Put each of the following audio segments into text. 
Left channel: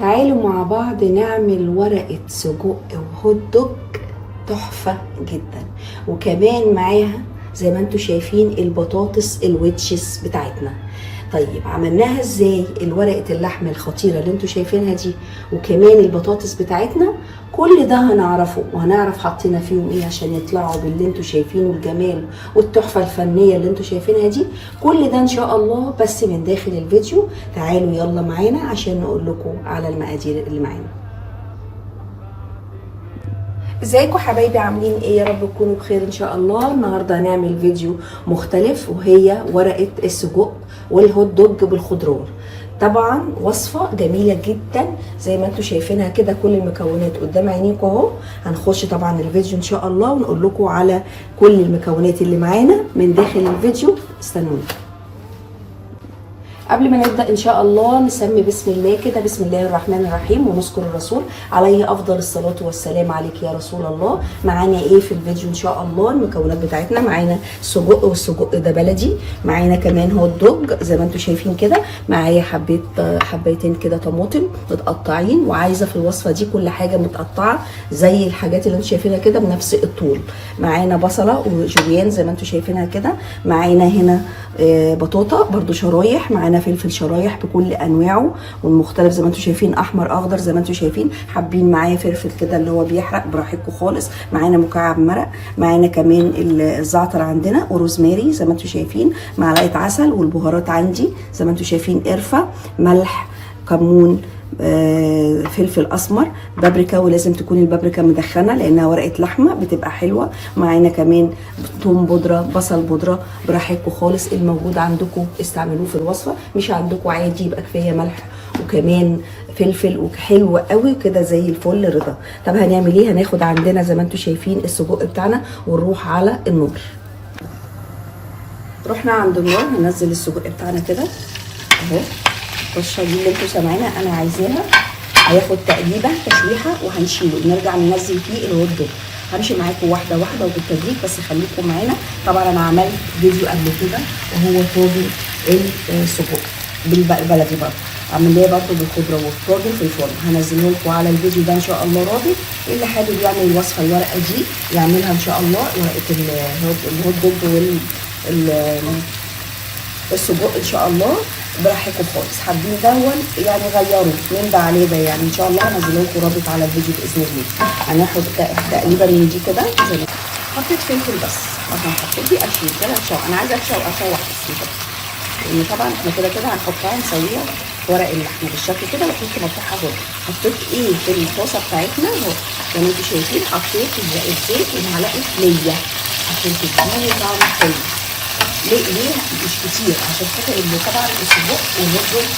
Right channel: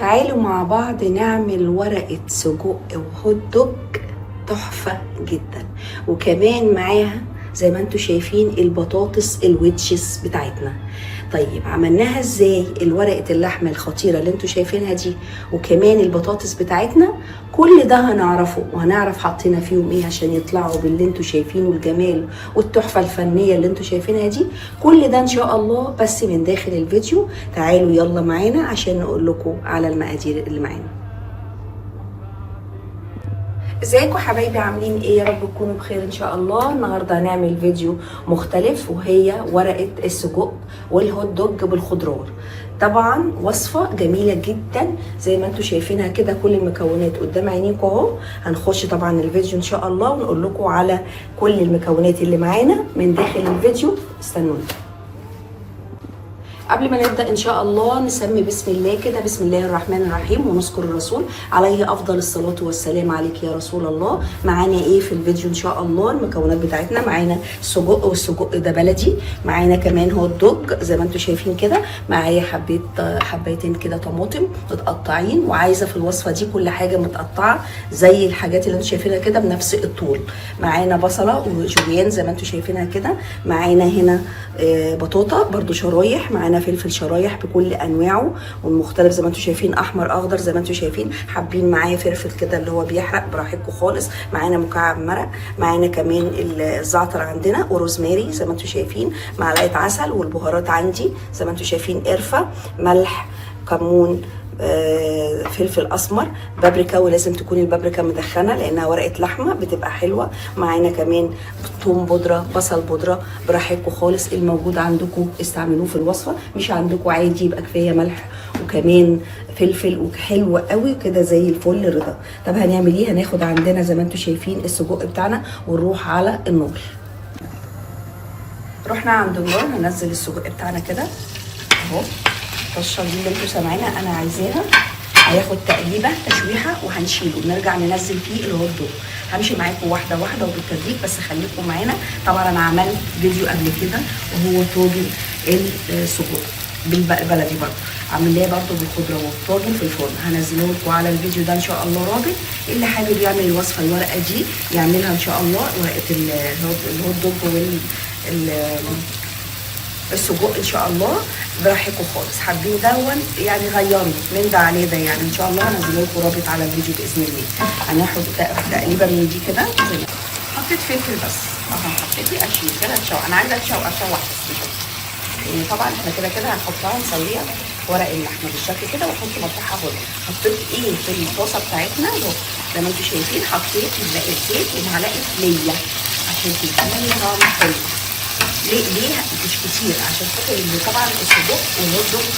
تعالوا مع بعض نعمل ورقة سجق وهوت دوج تحفة جدا، وكمان معاها زي ما انتوا شايفين البطاطس الويتشز بتاعتنا. طيب عملناها ازاي الورقة اللحمة الخطيرة اللي انتوا شايفينها دي، وكمان البطاطس بتاعتنا؟ كل ده هنعرفه، وهنعرف حطينا فيهم ايه عشان يطلعوا باللي انتوا شايفينه الجمال والتحفة الفنية اللي انتوا شايفينها دي. كل ده ان شاء الله بس من داخل الفيديو. تعالوا يلا معانا عشان نقول لكم على المقادير اللي معانا. ازيكم حبايبي، عاملين ايه؟ يا رب تكونوا بخير ان شاء الله. النهارده هنعمل فيديو مختلف، وهي ورقه السجق والهوت دوج بالخضروات. طبعا وصفه جميله جدا زي ما انتم شايفينها كده، كل المكونات قدام عينيكم اهو. هنخش طبعا الفيديو ان شاء الله ونقول لكم على كل المكونات اللي معانا من داخل الفيديو. استنوني. قبل ما نبدا ان شاء الله نسمي بسم الله كده، بسم الله الرحمن الرحيم، ونذكر الرسول عليه افضل الصلاه والسلام. عليك يا رسول الله. معانا ايه في الفيديو ان شاء الله؟ المكونات بتاعتنا معانا سجق، والسجق ده بلدي. معانا كمان هوت دوج زي ما انتم شايفين كده. معايا حبيتين كده طماطم متقطعين، وعايزه في الوصفه دي كل حاجه متقطعه زي الحاجات اللي انتم شايفينها كده بنفس الطول. معانا بصله وجوليان زي ما انتم شايفينها كده. معانا هنا بطاطا برضو شرايح. معانا فلفل شرايح بكل انواعه والمختلف زي ما انتم شايفين، احمر اخضر زي ما انتم شايفين. حابين معايا فلفل كده اللي هو بيحرق براحتكم خالص. معانا مكعب مرق. معانا كمان الزعتر عندنا، وروزماري زي ما انتم شايفين. معلقه عسل، والبهارات عندي زي ما انتم شايفين، قرفه، ملح، كمون، فلفل اسمر، بابريكا، ولازم تكون البابريكا مدخنه لانها ورقه لحمه بتبقى حلوه. معانا كمان ثوم بودره، بصل بودره، براحتكم خالص. الموجود عندكم استعملوه في الوصفه، مش عندكم عادي يبقى كفايه ملح وكمان فلفل، وحلو قوي كده زي الفل رضا. طب هنعمل ايه؟ هناخد عندنا زي ما انتم شايفين السجق بتاعنا ونروح على النار. رحنا عند النار، هننزل السجق بتاعنا كده اهو. الطشه دي اللي انتوا سامعينها انا عايزاها هياخد تقريبا تشويحه، وهنشيله ونرجع ننزل فيه الهوت دوج. همشي معاكم واحده واحده وبالتدريج، بس خليكم معانا. طبعا انا عملت فيديو قبل كده وهو طاجن السجق بالبلدي برضه، عاملاه برضه بالخضره والطاجن في الفرن. هنزله لكم على الفيديو ده ان شاء الله. راجل اللي حابب يعمل الوصفه الورقه دي يعملها ان شاء الله، ورقه الهوت دوج السجق ان شاء الله براحتكم خالص. حابين دون يعني غيروا من ده عليه ده، يعني ان شاء الله هنزل لكم رابط على الفيديو باذن الله. هناخد تقريبا من دي كده. حطيت فلفل بس عشان حطيتي اشوي كده اشوح. انا عايزه اشوح يعني طبعا احنا كده هنحطها نسويها ورق بالشكل كده، ونحط ملحها زي حطيت ايه في الطاسه بتاعتنا زي ما انتم شايفين. حطيت الزيت ومعلقه ليا عشان تديني طعم حلو. ليه مش كتير؟ عشان كده اللي طبعا السجق والهوت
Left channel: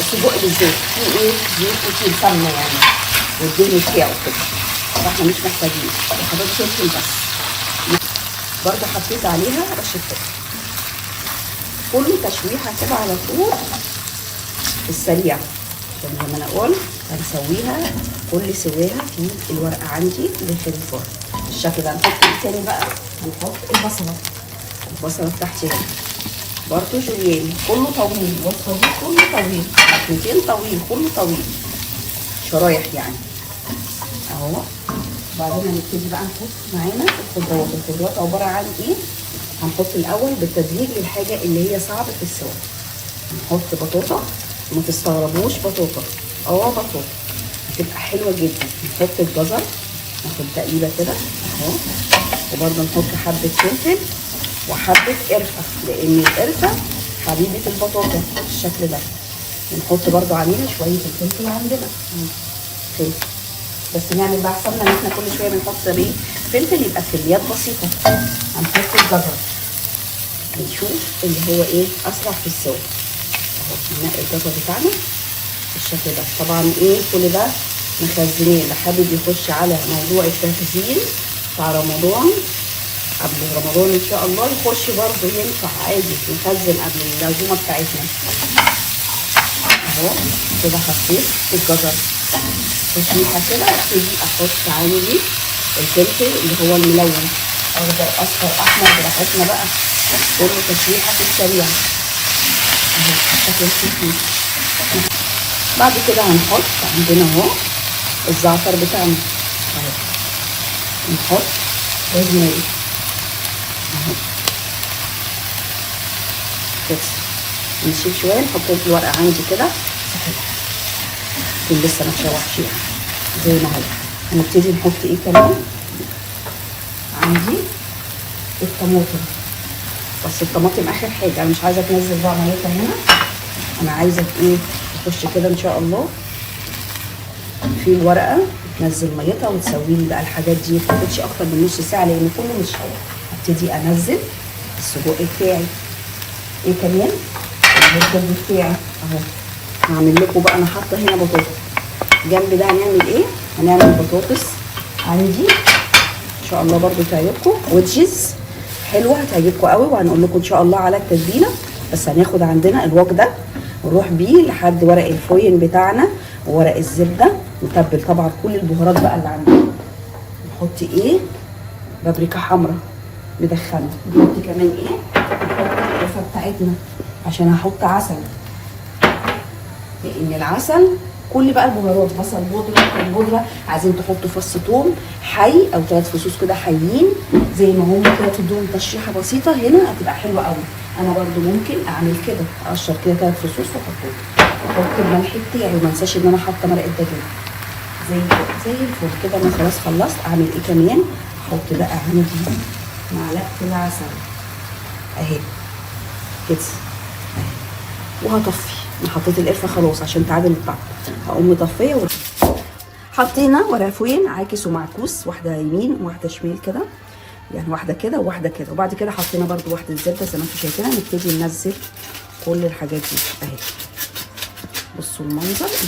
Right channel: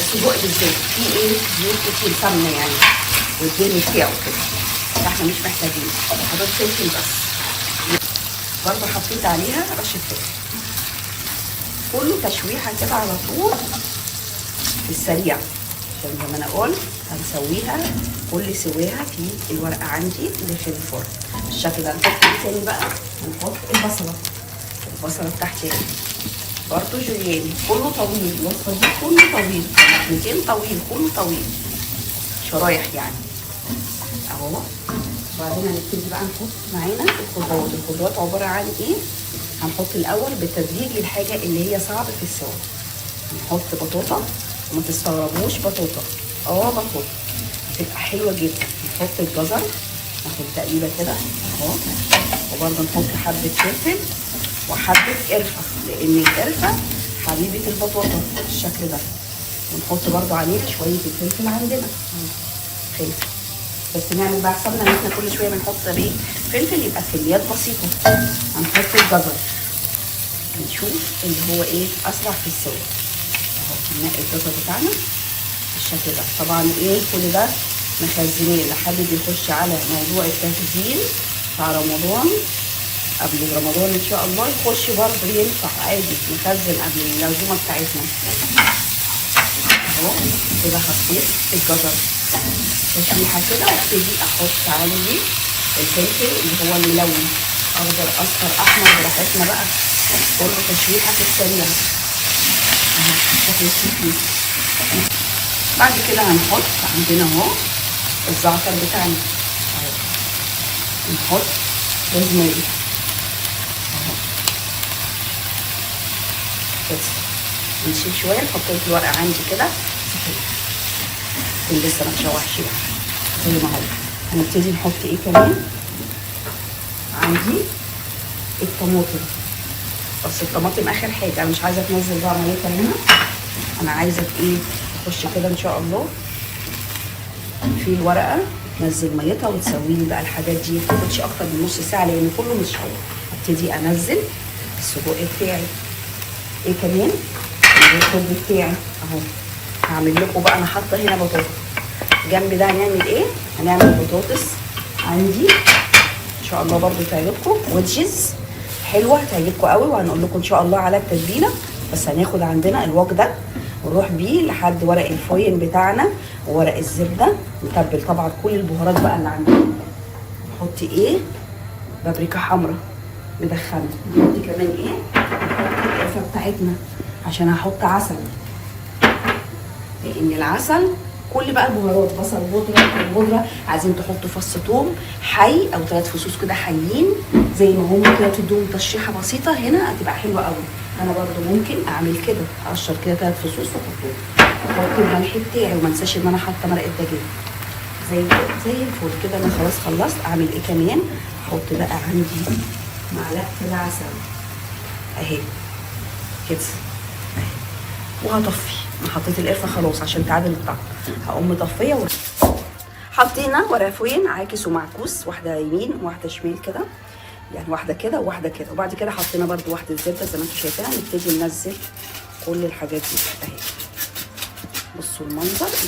السجق بالزيت في ايه؟ زيت في الفرن يعني والدهن بتاعه كده، فاحنا مش محتاجين. حطيت فلفل بس برضه، حطيت عليها رشه فلفل. كل تشويحه كده على طول في السريع، عشان لما انا اقول هنسويها كل سواها في الورقه عندي اللي في الفرن بالشكل ده. هنحط ايه تاني بقى؟ هنحط البصله بتاعتي برضه جوليان، كله طويل، والطويل كله طويل، 200 طويل، كله طويل شرايح يعني اهو. وبعدين هنبتدي بقى نحط معانا الخضروات. الخضروات عباره عن ايه؟ هنحط الاول بالتدريج الحاجه اللي هي صعبه في السوا. هنحط بطاطا، وما تستغربوش بطاطا، بطاطا بتبقى حلوه جدا. نحط الجزر، ناخد تقريبا كده اهو، وبرده نحط حبه فلفل وحبه قرفه، لان القرفه حبيبه البطاطا بالشكل ده. نحط برده علينا شويه الفلفل عندنا كده، بس نعمل بقى حسابنا ان احنا كل شويه بنحط ايه؟ فلفل، يبقى كميات بسيطه. هنحط الجزر، نشوف اللي هو ايه اسرع في السوا. ننقي الجزر بتاعنا بالشكل ده. طبعا ايه كل ده مخزنين اللي حابب يخش على موضوع التخزين بتاع رمضان، قبل رمضان ان شاء الله يخش برضه ينفع عادي نخزن قبل العزومه بتاعتنا اهو. كده حطيت الجزر تشويحه كده، ابتدي احط عليه الفلفل اللي هو الملون، اخضر اصفر احمر براحتنا بقى، كل تشويحه في السريع اهو. بعد كده هنحط عندنا اهو الزعتر بتاعنا اهو، نحط روزماري اهو بس. نسيب شويه، نحط الورق عندي كده لسه ما اتشوحش زي ما هو. هنبتدي نحط ايه كمان عندي؟ الطماطم، بس الطماطم اخر حاجه. انا مش عايزه تنزل بقى ميتها هنا، انا عايزه ايه تخش كده ان شاء الله في الورقه تنزل ميتها وتسوي لي بقى الحاجات دي. ما تاخدش اكتر من نص ساعه لان كله مش حلو. ابتدي انزل السجق بتاعي. ايه كمان؟ الرز بتاعي اهو. هعمل لكم بقى، انا حاطه هنا بطاطس جنب ده. هنعمل ايه؟ هنعمل بطاطس عندي ان شاء الله برضو تعجبكم، ويدجز حلوه هتعجبكم قوي، وهنقول لكم ان شاء الله على التتبيله. بس هناخد عندنا الوك ده ونروح بيه لحد ورق الفويل بتاعنا وورق الزبده، نتبل طبعا كل البهارات بقى اللي عندنا. نحط ايه؟ بابريكا حمراء مدخنه. نحط كمان ايه؟ نحط القرفه بتاعتنا عشان هحط عسل، لان العسل كل بقى البهارات، بصل بودره، عايزين تحطوا فص ثوم حي او 3 فصوص كده حيين زي ما هم كده، تدوهم تشريحه بسيطه هنا هتبقى حلوه قوي. انا برضو ممكن اعمل كده، اقشر كده 3 فصوص واحطهم. احط الملح بتاعي وما انساش ان انا حاطه مرقه دجاج زي الفل كده. انا خلاص خلصت. اعمل ايه كمان؟ احط بقى عندي معلقه كده عسل اهي كده اهي، وهطفي. انا حطيت القرفه خلاص عشان تعادل الطعم. هقوم مطفيه حطينا ورق فويل عاكس ومعكوس، واحده يمين وواحده شمال كده، يعني واحده كده وواحده كده. وبعد كده حطينا برده واحده زبده زي ما انتم شايفين. نبتدي ننزل كل الحاجات دي اهي. بصوا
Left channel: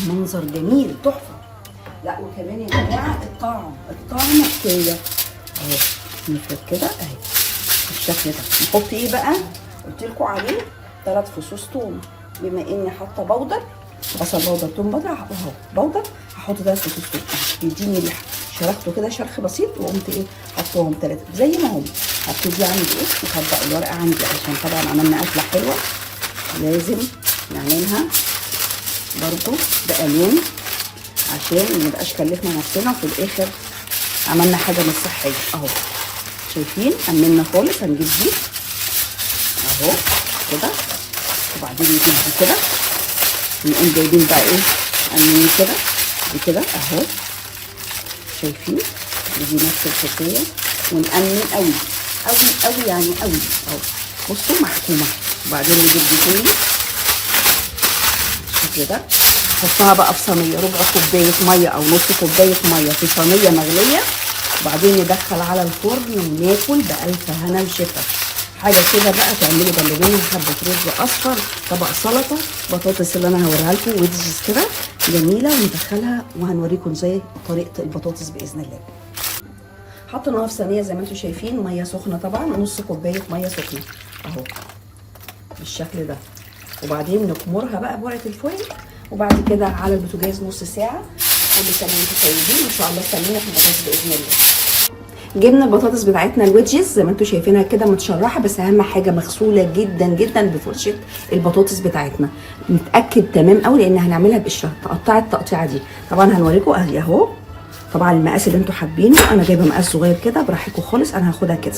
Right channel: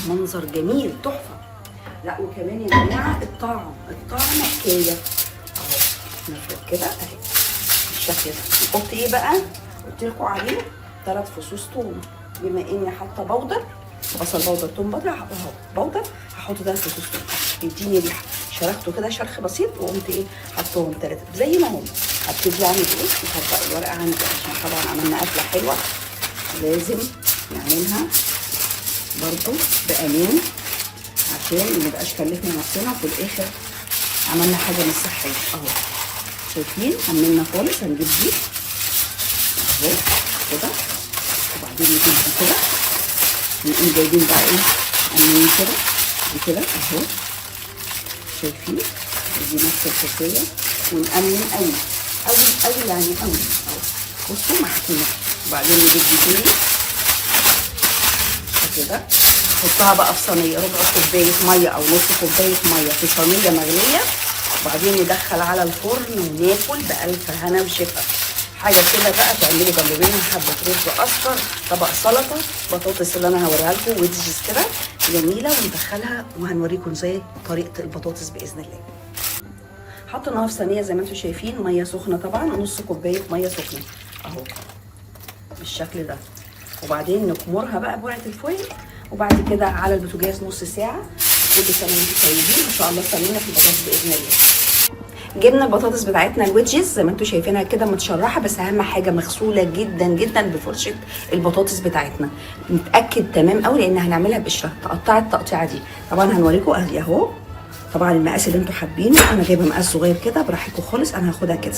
المنظر جميل تحفه. لا وكمان يا جماعه الطعم كله اهو. نفرد كده اهي بالشكل ده. نحط ايه بقى؟ قلت لكم عليه 3 فصوص ثوم، بما اني حاطه بودر، بصل بودر، ثوم بودر، اهو بودر. هحط 3 فصوص ثوم يديني ريحه. شرحته كده شرح بسيط وقمت ايه حطهم 3 زي ما هم. هبتدي اعمل ايه؟ هبدا الورقه عندي عشان طبعا عملنا اكله حلوه لازم نعملها برضو بقليل عشان ما نبقاش كلفنا نفسنا في الاخر عملنا حاجه مش صحيه اهو. شايفين؟ امنا خالص. هنجيب دي اهو كده، وبعدين نجيب دي كده، نقوم جايبين بقى ايه امنين كده وكده اهو. شايفين؟ ودي نفس الحكايه، ونأمن قوي قوي قوي يعني قوي اهو. بصوا محكومه. وبعدين نجيب دي تاني كده، نحطها بقى في صينيه، ربع كوبايه ميه او نص كوبايه ميه في صينيه مغليه، وبعدين ندخل على الفرن وناكل بألف هنا وشفا. حاجه كده بقى تعملوا بانيه، حبه رز اصفر، طبق سلطه، بطاطس اللي انا هوريها لكم ويدجز كده جميله ندخلها، وهنوريكم ازاي طريقه البطاطس باذن الله. حطيناها في صينيه زي ما انتم شايفين، ميه سخنه طبعا، نص كوبايه ميه سخنه اهو بالشكل ده. وبعدين نكمرها بقى بورقه الفويل، وبعد كده على البوتاجاز نص ساعه. كل سنه وانتم طيبين، ما شاء الله سلمنا في البطاطس باذن الله. جبنا البطاطس بتاعتنا الويدجز زي ما انتم شايفينها كده متشرحه، بس اهم حاجه مغسوله جدا جدا بفرشه البطاطس بتاعتنا. نتاكد تمام قوي لان هنعملها بقشره. تقطعي التقطيعه دي طبعا هنوريكم اهي اهو. طبعا المقاس اللي انتم حابينه، انا جايبه مقاس صغير كده براحتكم خالص. انا هاخدها كده.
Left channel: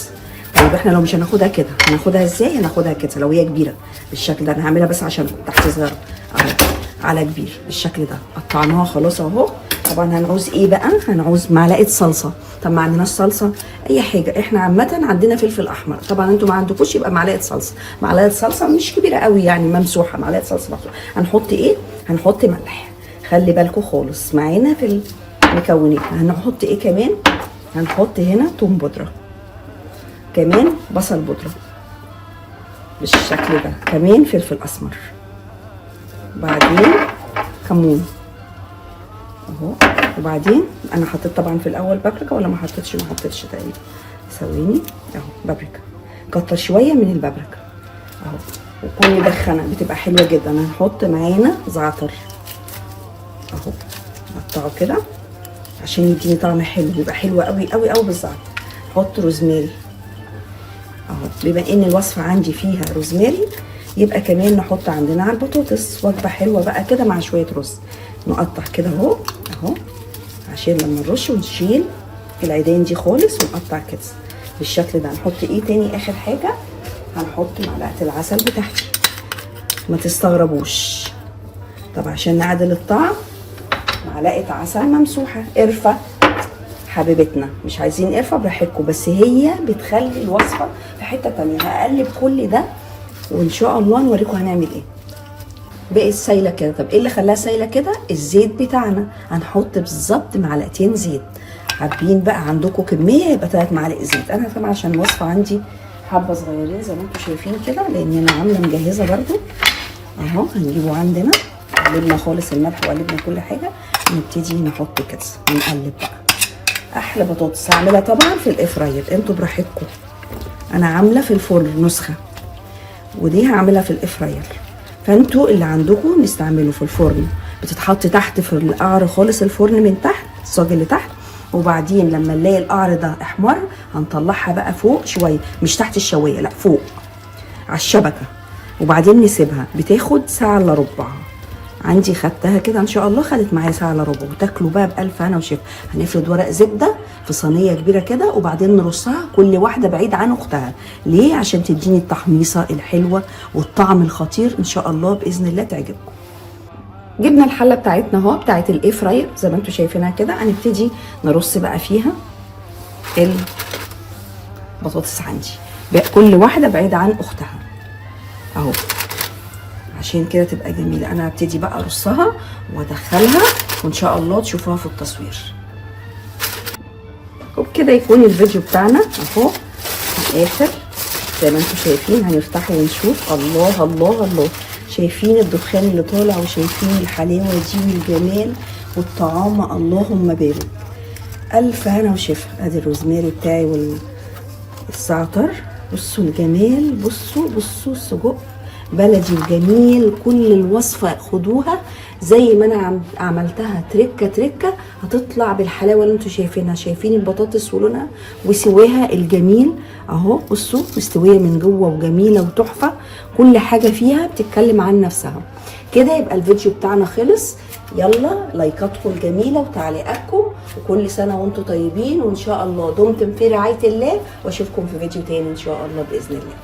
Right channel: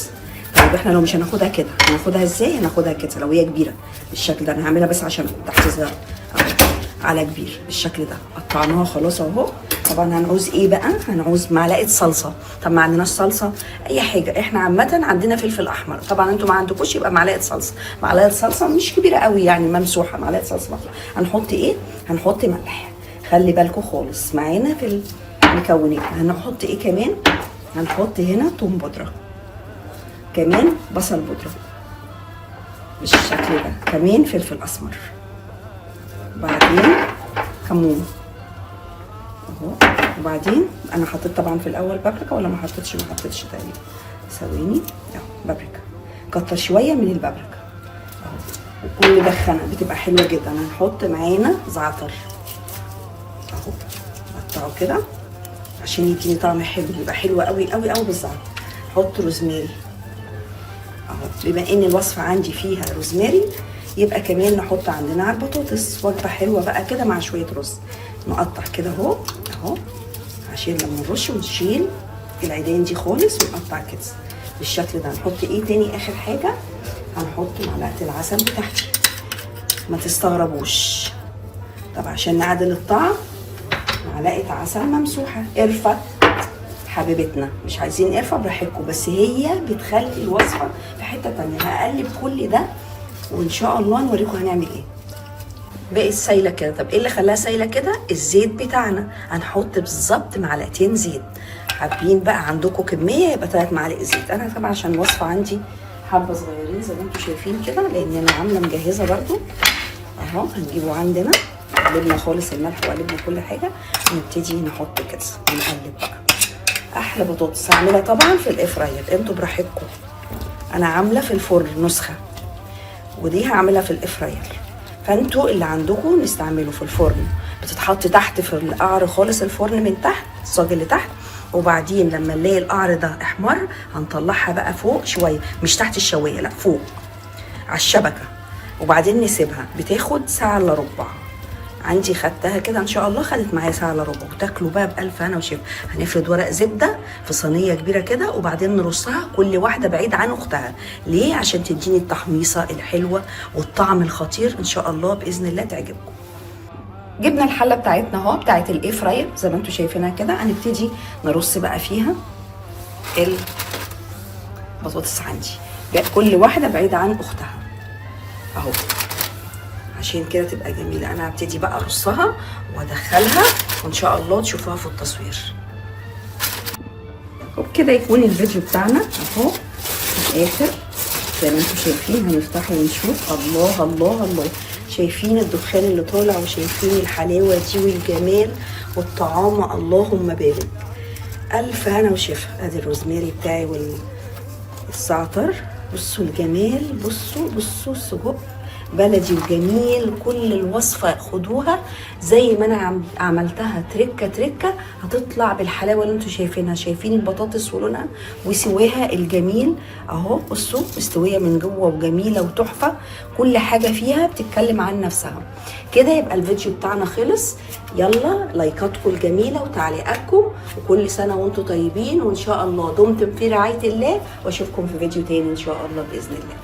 طيب احنا لو مش هناخدها كده هناخدها ازاي؟ هناخدها كده لو هي كبيره بالشكل ده. انا هعملها بس عشان تحت صغيره اهو على كبير بالشكل ده. قطعناها خلاص اهو. طبعا هنعوز ايه بقى؟ هنعوز معلقه صلصه. طب ما عندناش صلصه اي حاجه، احنا عامه عندنا فلفل احمر، طبعا انتوا ما عندكوش يبقى معلقه صلصه. معلقه صلصه مش كبيره قوي يعني ممسوحه، معلقه صلصه مفروض. هنحط ايه؟ هنحط ملح. خلي بالكم خالص معانا في المكونات. هنحط ايه كمان؟ هنحط هنا توم بودره، كمان بصل بودره بالشكل ده، كمان فلفل اسمر، بعدين كمون اهو. وبعدين انا حطيت طبعا في الاول بابريكا ولا ما حطيتش؟ ما حطيتش تقريبا. ثواني اهو بابريكا، كتر شويه من البابريكا اهو. وكل مدخنه بتبقى حلوه جدا. هنحط معانا زعتر اهو، نقطعه كده عشان يديني طعم حلو، بيبقى حلو قوي قوي قوي بالزعتر. حط روزماري اهو، بما ان الوصفه عندي فيها روزماري يبقى كمان نحط عندنا على البطاطس وجبه حلوه بقى كده مع شويه رز. نقطع كده اهو اهو عشان لما نرش ونشيل العيدان دي خالص ونقطع كده بالشكل ده. هنحط ايه تاني اخر حاجه؟ هنحط معلقه العسل بتاعتي، ما تستغربوش. طب عشان نعدل الطعم معلقه عسل ممسوحه. قرفه حبيبتنا، مش عايزين قرفه براحتكم، بس هي بتخلي الوصفه في حته تانيه. هقلب كل ده وان شاء الله نوريكم هنعمل ايه. بقت سايله كده. طب ايه اللي خلاها سايله كده؟ الزيت بتاعنا. هنحط بالظبط معلقتين زيت. حابين بقى عندكم كميه يبقى 3 معالق زيت. انا طبعا عشان الوصفه عندي حبه صغيرين زي ما انتم شايفين كده، لان انا عامله مجهزه برده اهو. هنجيبه عندنا، قلبنا خالص الملح وقلبنا كل حاجه، ونبتدي نحط كده ونقلب بقى. احلى بطاطس هعملها طبعا في الاير فراير، انتوا براحتكم. انا عامله في الفرن نسخه، ودي هعملها في الاير فراير، فانتوا اللي عندكم نستعمله في الفرن. بتتحط تحت في القعر خالص الفرن من تحت، الصاج اللي تحت، وبعدين لما نلاقي القعر ده احمر هنطلعها بقى فوق شويه، مش تحت الشوايه، لا فوق على الشبكه، وبعدين نسيبها. بتاخد ساعه الا ربع. عندي خدتها كده ان شاء الله، خدت معايا ساعه الا ربع. وتاكلوا بقى بالف هنا وشفا. هنفرد ورق زبده في صينيه كبيره كده، وبعدين نرصها كل واحده بعيد عن اختها. ليه؟ عشان تديني التحميصه الحلوه والطعم الخطير ان شاء الله باذن الله تعجبكم. جبنا الحله بتاعتنا اهو، بتاعت الاير فراير زي ما انتم شايفينها كده. هنبتدي نرص بقى فيها البطاطس عندي بقى كل واحده بعيده عن اختها اهو، عشان كده تبقى جميله. انا هبتدي بقى ارصها وادخلها وان شاء الله تشوفوها في التصوير. وبكده يكون الفيديو بتاعنا اهو في الاخر زي ما انتم شايفين. هنفتحه ونشوف. الله الله الله، شايفين الدخان اللي طالع وشايفين الحلاوه دي والجمال والطعام. اللهم بارك. الف هنا وشفا. ادي الروزماري بتاعي والزعتر. بصوا الجمال، بصوا السجق بلدي وجميل. كل الوصفه خدوها زي ما انا عملتها تركه هتطلع بالحلاوه اللي انتوا شايفينها. شايفين البطاطس ولونها وسواها الجميل اهو. بصوا مستويه من جوه وجميله وتحفه. كل حاجه فيها بتتكلم عن نفسها. كده يبقى الفيديو بتاعنا خلص. يلا لايكاتكم الجميله وتعليقاتكم، وكل سنه وانتم طيبين، وان شاء الله دمتم في رعايه الله، واشوفكم في فيديو تاني ان شاء الله باذن الله.